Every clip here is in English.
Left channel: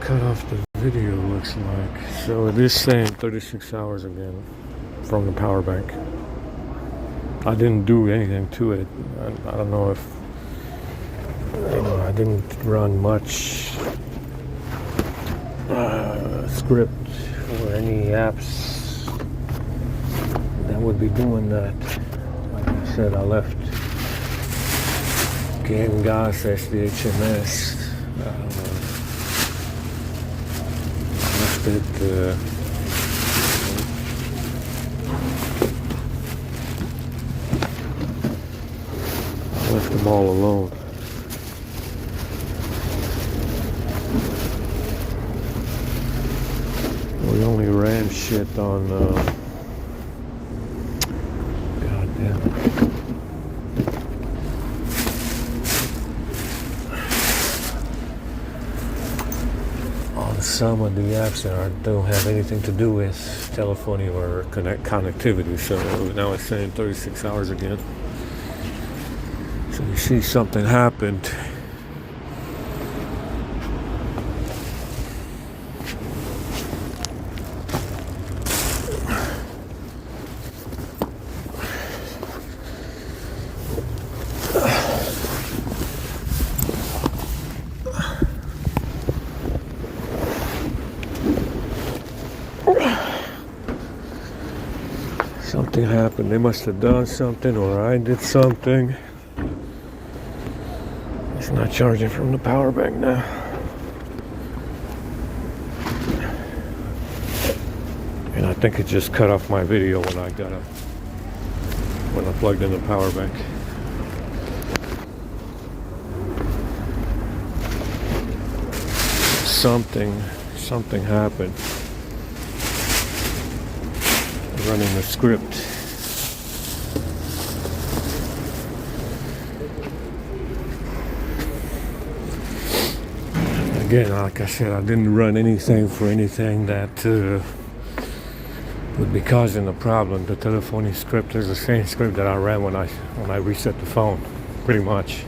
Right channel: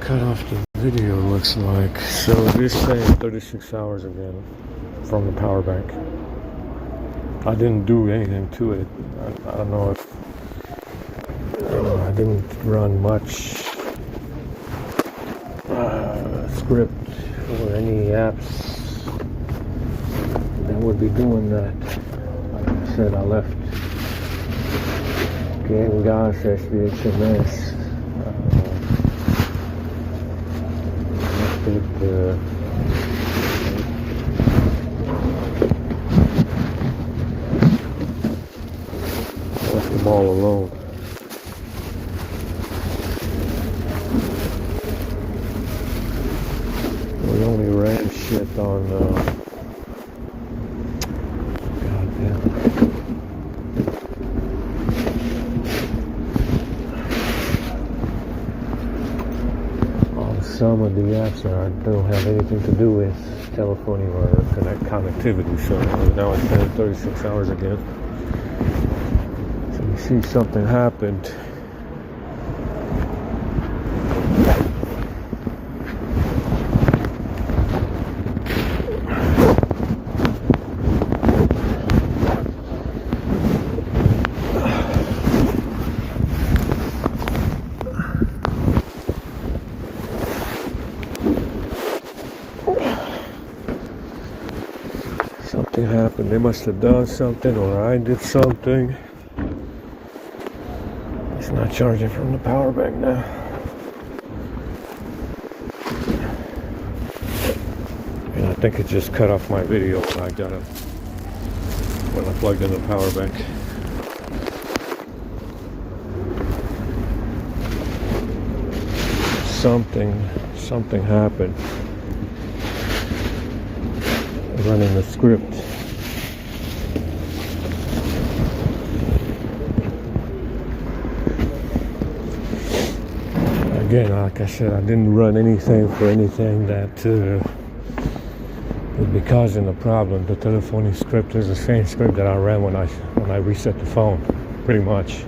cut off the video, looks like. So it is saying 36 hours again from the power bank. I didn't do anything to it. I don't know if I didn't run much script or any apps that would be doing that. Like I said, I left Game Gas SDHMS. Left them all alone. We only ran shit on goddamn. On some of the apps that don't have anything to do with telephony or connectivity. So now it's saying 36 hours again. So you see something happened. Something happened. They must have done something, or I did something. It's not charging from the power bank now. And I think it just cut off my video when I plugged in the power bank. Something happened. Running the script. Again, like I said, I didn't run anything for anything that would be causing a problem. The telephony script is the same script that I ran when I reset the phone, pretty much.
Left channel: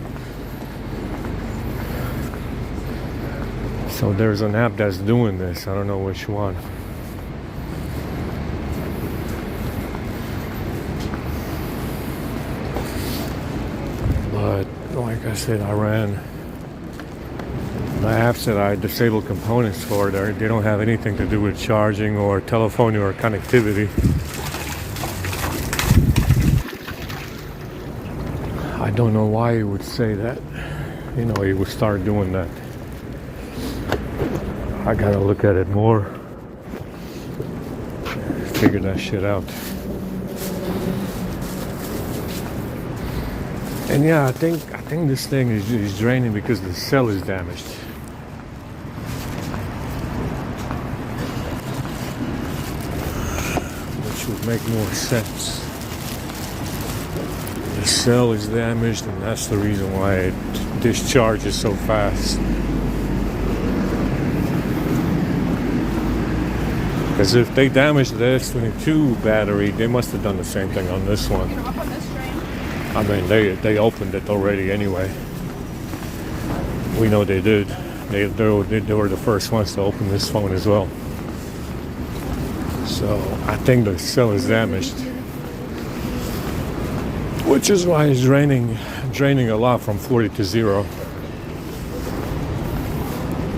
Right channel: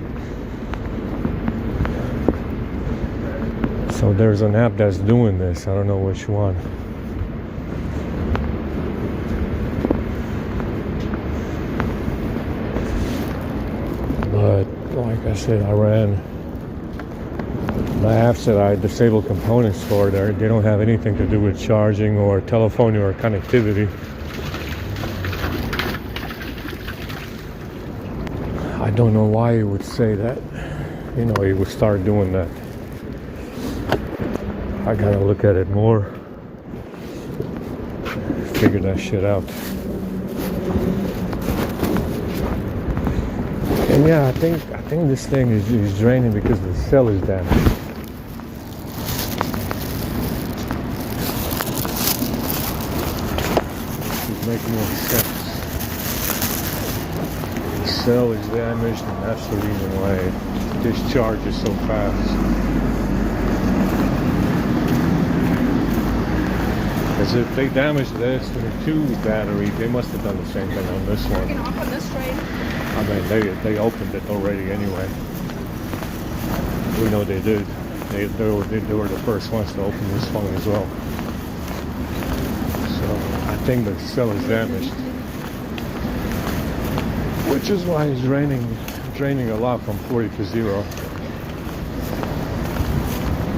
So there's an app that's doing this. I don't know which one. But like I said, I ran my apps that I disabled components for. They don't have anything to do with charging or telephony or connectivity. I don't know why he would say that. You know, he would start doing that. I gotta look at it more. Figure that shit out. And yeah, I think this thing is draining because the cell is damaged. Which would make more sense. The cell is damaged, and that's the reason why it discharges so fast. Because if they damaged the S22 battery, they must have done the same thing on this one. I mean, they opened it already anyway. We know they did. They were the first ones to open this phone as well. So I think the cell is damaged, which is why it's draining a lot from 40 to 0.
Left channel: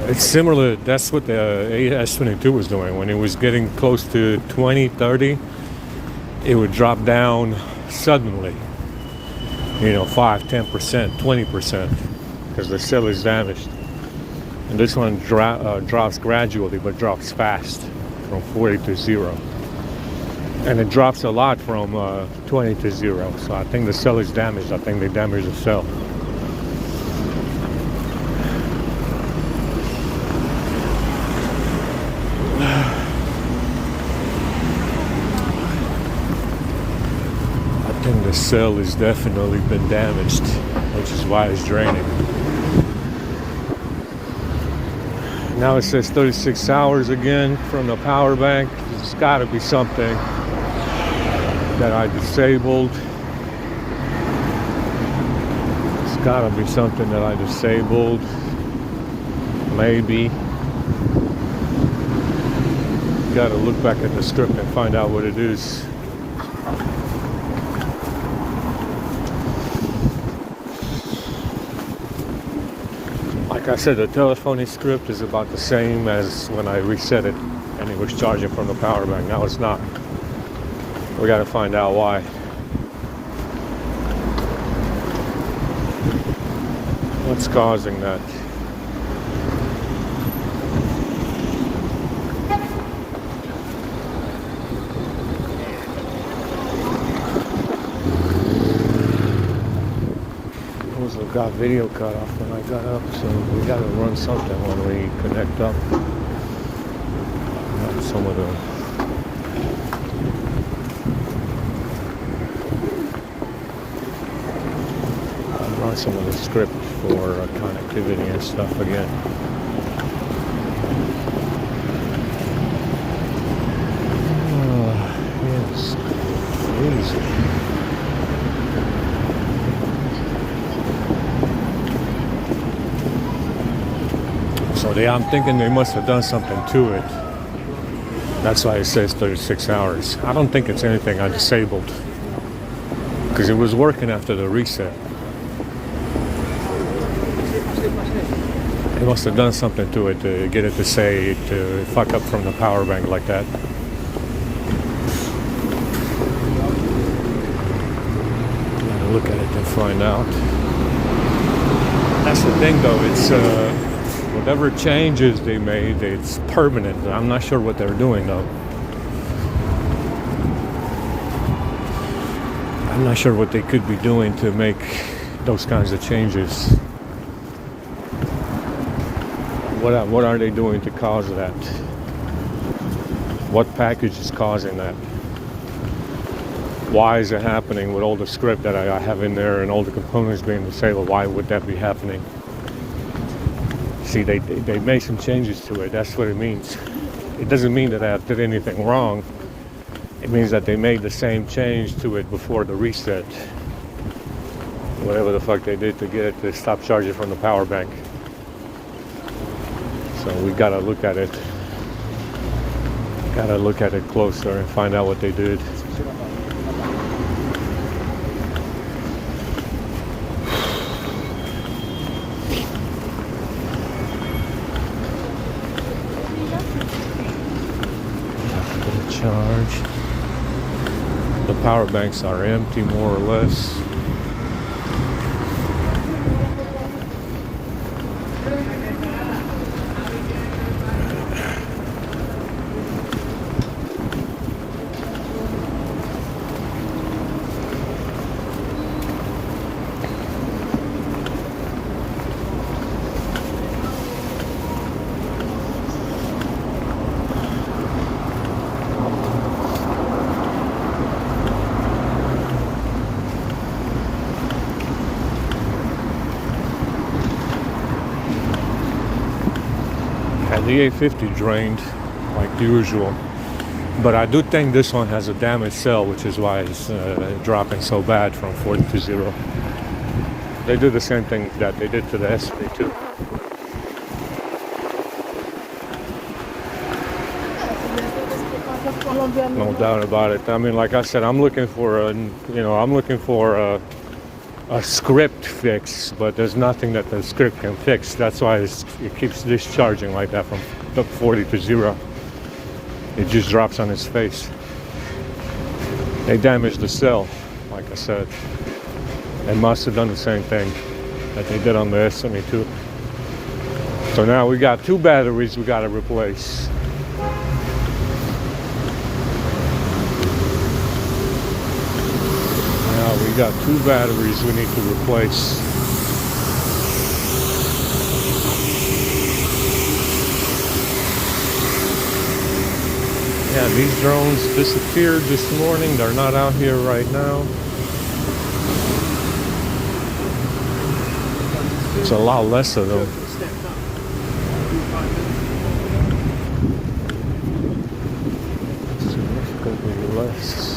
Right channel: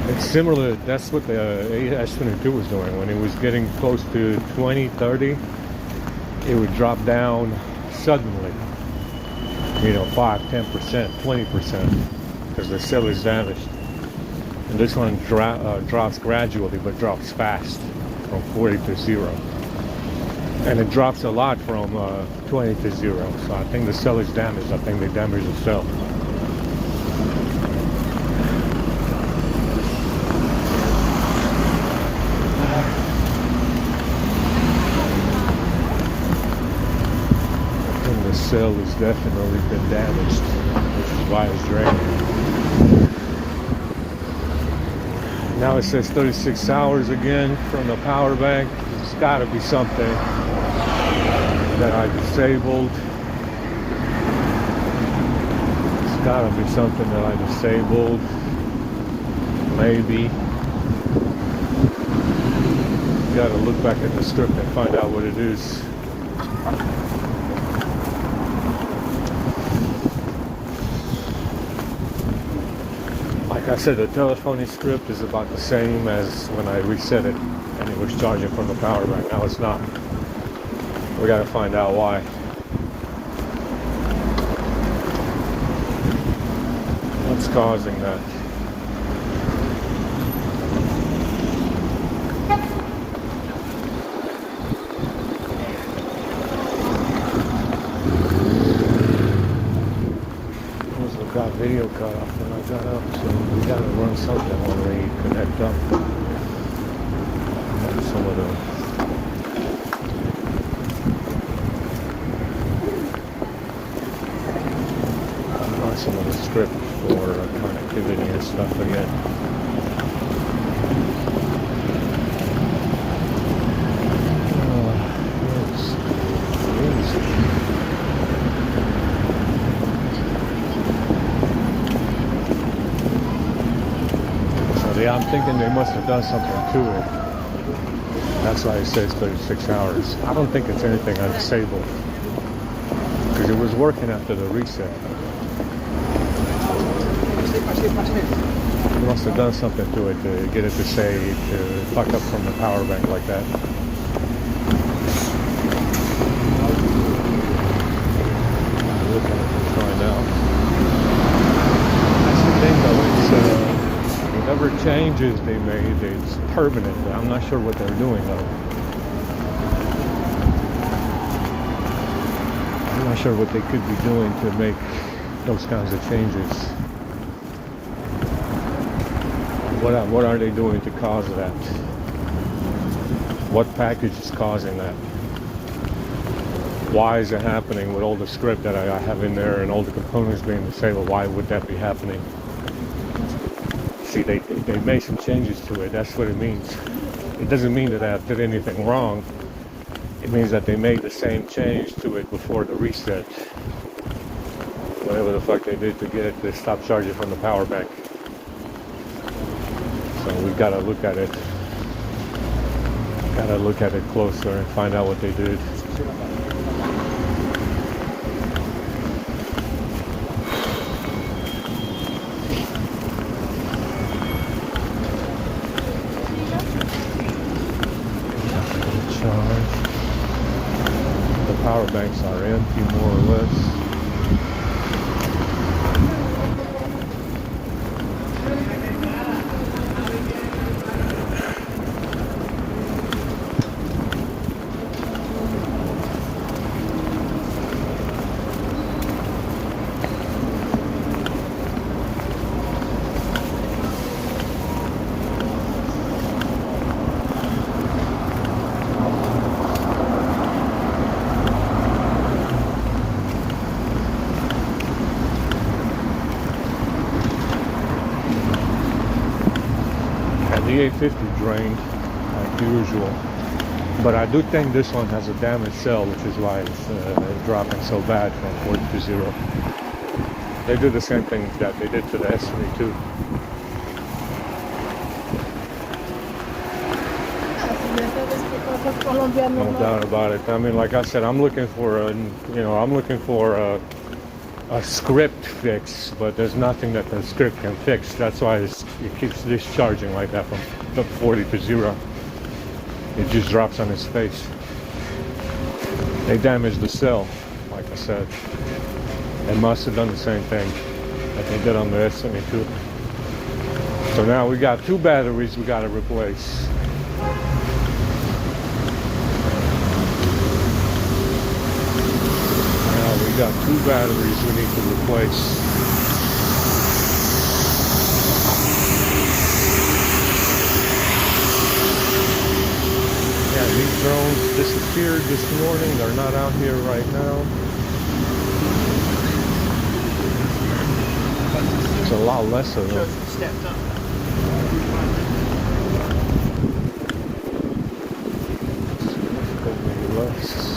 It's similar. That's what the S22 was doing. When it was getting close to 20, 30, it would drop down suddenly. You know, 5, 10%, 20%, because the cell is damaged. And this one drops gradually, but drops fast from 40 to 0. And it drops a lot from 20 to 0. So I think the cell is damaged. I think they damaged the cell. The cell has definitely been damaged, which is why it's draining. Now it says 36 hours again from the power bank. There's got to be something that I disabled. It's got to be something that I disabled. Maybe. gotta look back at the script and find out what it is. Like I said, the telephony script is about the same as when I reset it and it was charging from the power bank. Now it's not. We gotta find out why. What's causing that? Got video cut off when I got up, so we gotta run something when we connect up. Some of the script for connectivity and stuff again. I'm thinking they must have done something to it. That's why it says 36 hours. I don't think it's anything I disabled, because it was working after the reset. They must have done something to it to get it to say to fuck up from the power bank like that. Look at it and find out. That's the thing though, it's whatever changes they made, it's permanent. I'm not sure what they're doing though. I'm not sure what they could be doing to make those kinds of changes. What are they doing to cause that? What package is causing that? Why is it happening with all the script that I have in there and all the components being disabled? Why would that be happening? See, they made some changes to it. That's what it means. It doesn't mean that I did anything wrong. It means that they made the same change to it before the reset. Whatever the fuck they did to get it to stop charging from the power bank. So we gotta look at it. Gotta look at it closer and find out what they did. The power banks are empty, more or less. The 850 drained like usual, but I do think this one has a damaged cell, which is why it's dropping so bad from 40 to 0. They do the same thing that they did to the S22. No doubt about it. I mean, like I said, I'm looking for a script fix, but there's nothing that the script can fix. That's why it keeps discharging like that from 40 to 0. It just drops on its face. They damaged the cell, like I said, and must have done the same thing that they did on the S22. So now we got 2 batteries we got to replace. We got 2 batteries we need to replace. Yeah, these drones disappeared this morning. They're not out here right now. It's a lot less of them. Significantly less.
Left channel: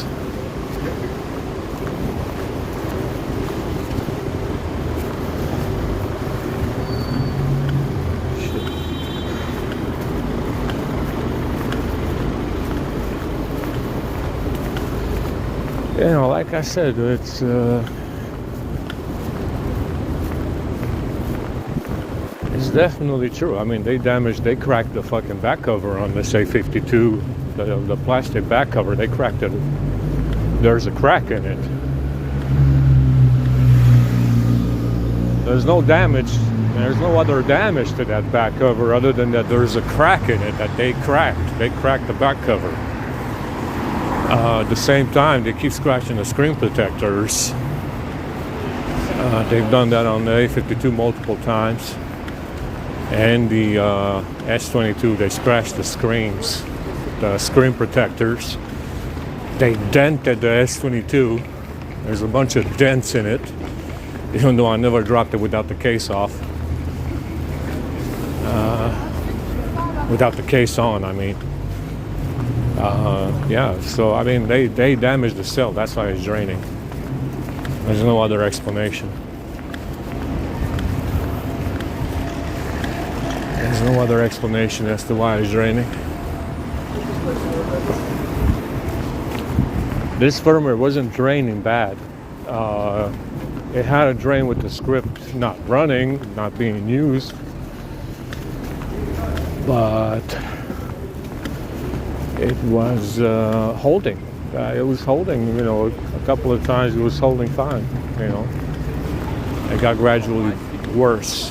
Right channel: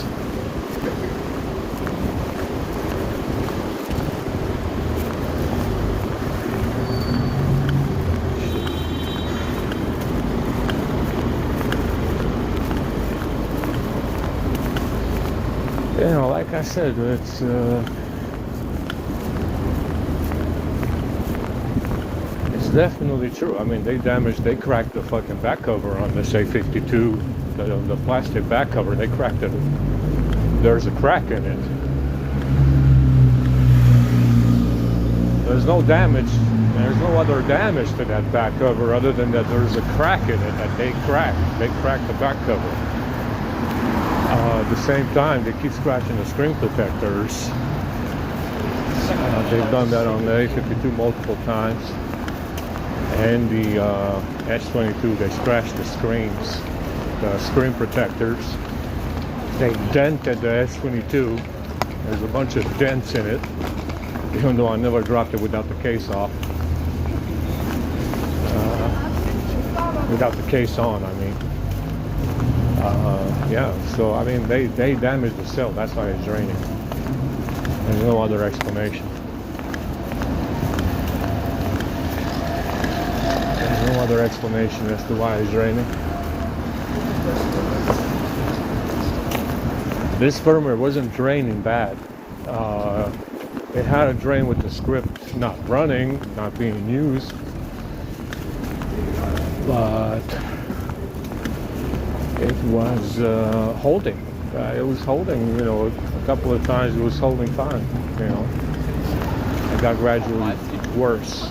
I said, it's definitely true. I mean, they cracked the fucking back cover on this A52, the plastic back cover. They cracked it. There's a crack in it. There's no damage. There's no other damage to that back cover other than that there's a crack in it that they cracked. They cracked the back cover. At the same time, they keep scratching the screen protectors. They've done that on the A52 multiple times. And the S22, they scratched the screens, the screen protectors. They dented the S22. There's a bunch of dents in it, even though I never dropped it without the case off. Without the case on, I mean. Yeah, so I mean, they damaged the cell. That's why it's draining. There's no other explanation. There's no other explanation as to why it's draining. This firmware wasn't draining bad. It had a drain with the script not running, not being used. But it was holding. It was holding, you know, a couple of times it was holding fine, you know. It got gradually worse.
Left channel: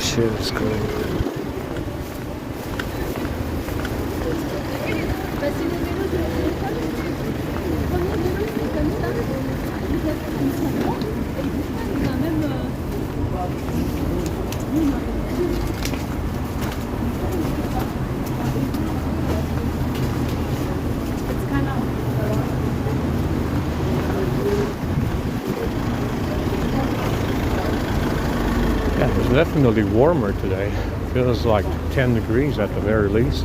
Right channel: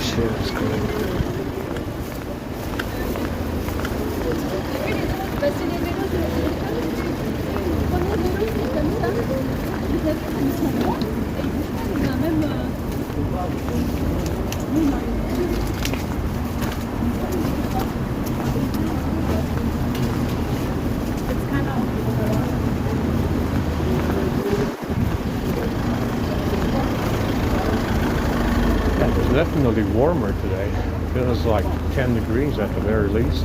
Shit is crazy. Definitely warmer today. It feels like 10 degrees at the very least.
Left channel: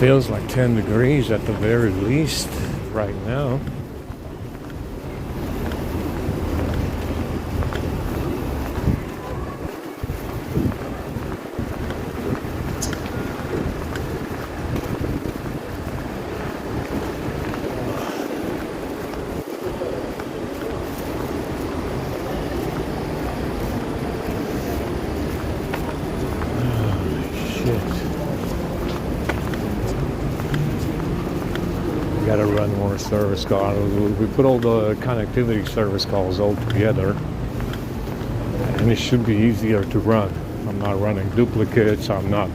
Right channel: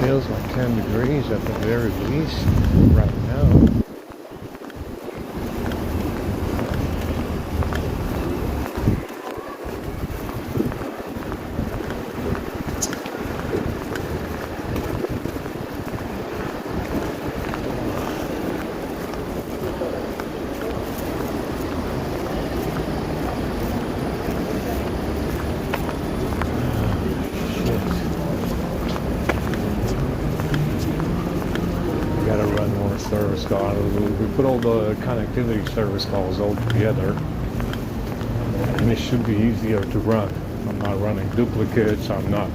Feels like 10 degrees at the very least right now. Service call. We put all the connectivity service calls all together, and it should be easier to run. I'm not running duplicates. I'm not,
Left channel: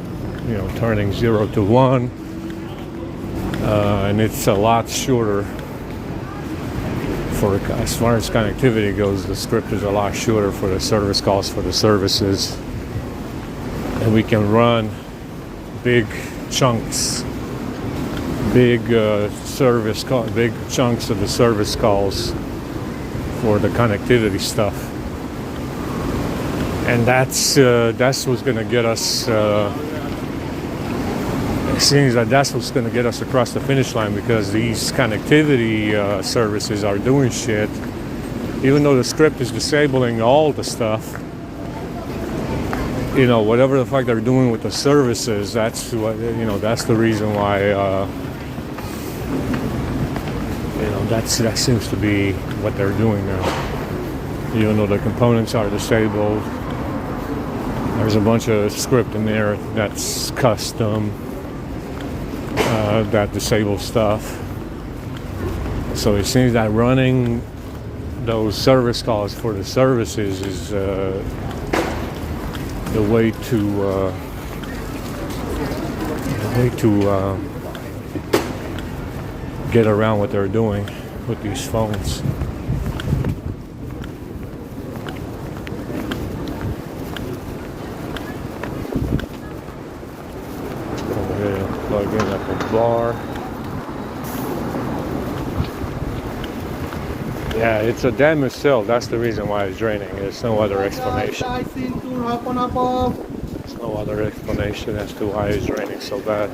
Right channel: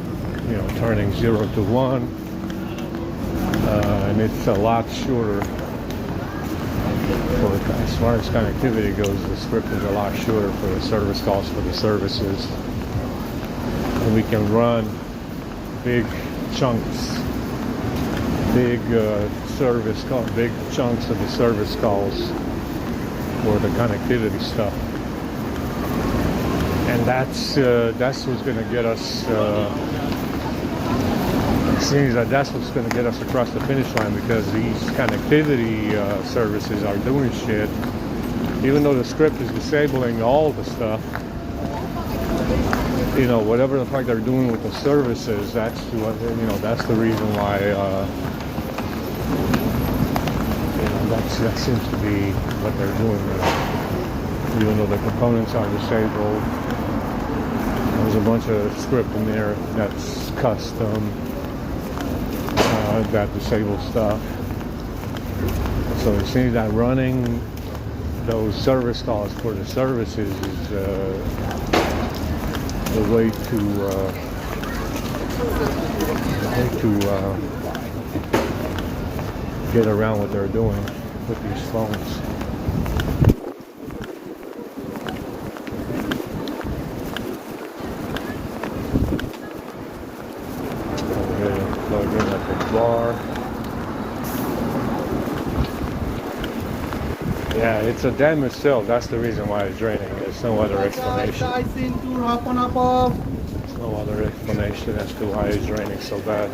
you know, turning 0 to 1, and it's a lot shorter. For as far as connectivity goes, the script is a lot shorter for the service calls for the services, and we can run big chunks. Big big chunks of the service calls for the connectivity stuff, and that's what's going to get us. It seems that that's what's going to get us across the finish line, because these connectivity services are doing shit, even though the script is disabling all the stuff. You know, whatever the fuck they're doing with the services, that's what, you know, that's the reason why. That seems to be what they're doing there. Even though the components are disabled, there's a bunch of script in there that's custom, that disables stuff. So it seems that running those service calls for the services is the way to get around what they're doing with these phones. Go ahead and plug in at the bar. Yeah, it's a damaged cell. That's the reason why it's draining. There's no other explanation. There's No other explanation as to why it's raining so bad.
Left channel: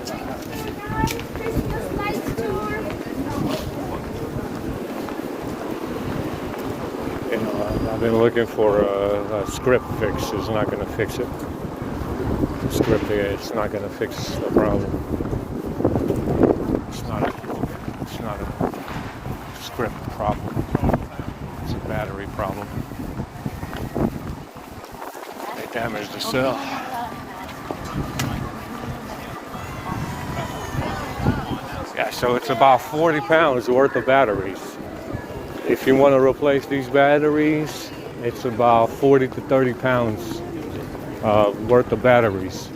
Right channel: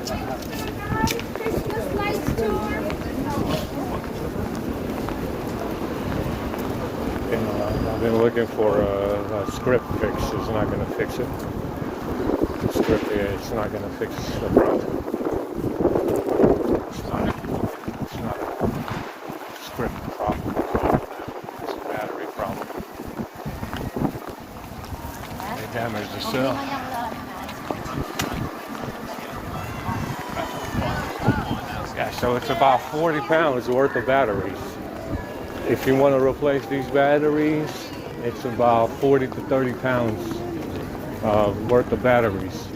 And I've been looking for a script fix. It's not going to fix it. The script it's not going to fix the problem. It's not a script problem. It's a battery problem. They damaged the cell. Yeah, so it's about 40 pounds worth of batteries. If you want to replace these batteries, it's about 40 to 30 pounds worth of batteries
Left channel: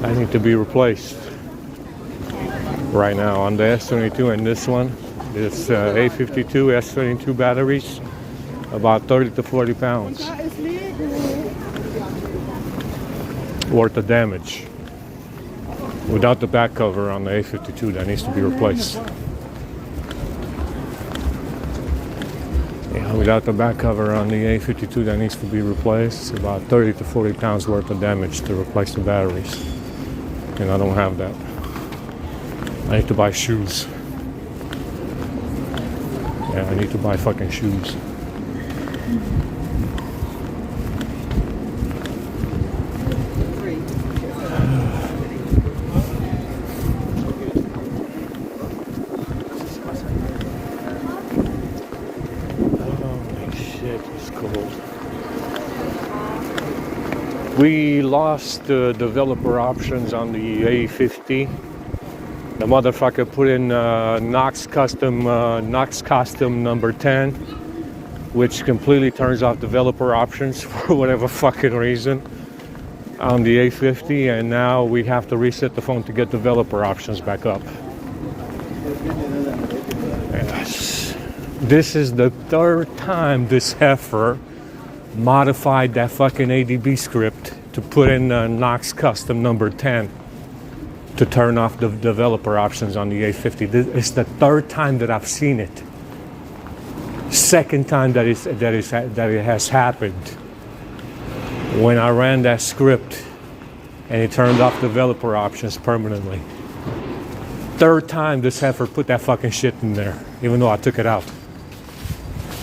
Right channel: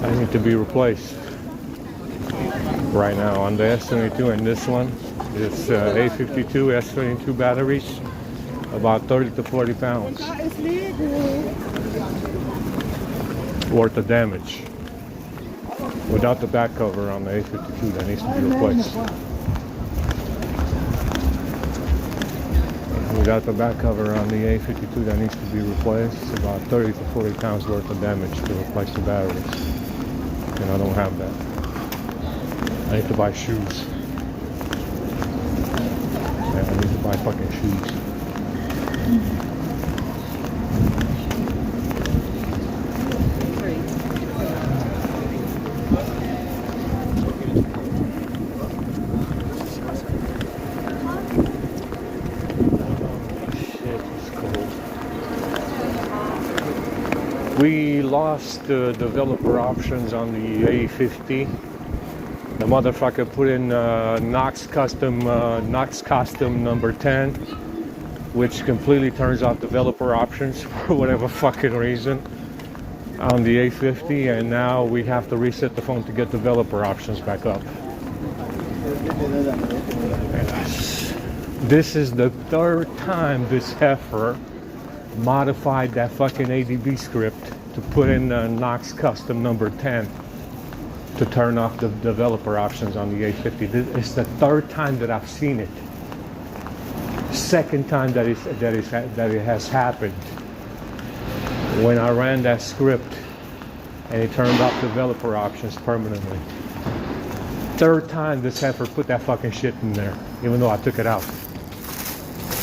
that need to be replaced right now on the S22, and this one is A52 S22 batteries, about 30 to 40 pounds worth of damage without the back cover on the A52 that needs to be replaced. Without the back cover on the A52 that needs to be replaced, it's about 30 to 40 pounds worth of damage to replace the batteries. And I don't have that. I need to buy shoes. Yeah, I need to buy fucking shoes. We lost the developer options on the A50. The motherfucker put in Knox custom number 10, which completely turns off developer options for whatever fucking reason on the A50, and now we have to reset the phone to get developer options back up. This is the third time this heifer modified that fucking ADB script to put in Knox custom number 10 to turn off the developer options on the A50. It's the third time that I've seen it. Second time that it has happened. When I ran that script and it turned off developer options permanently. Third time this heifer put that fucking shit in there, even though I took it out.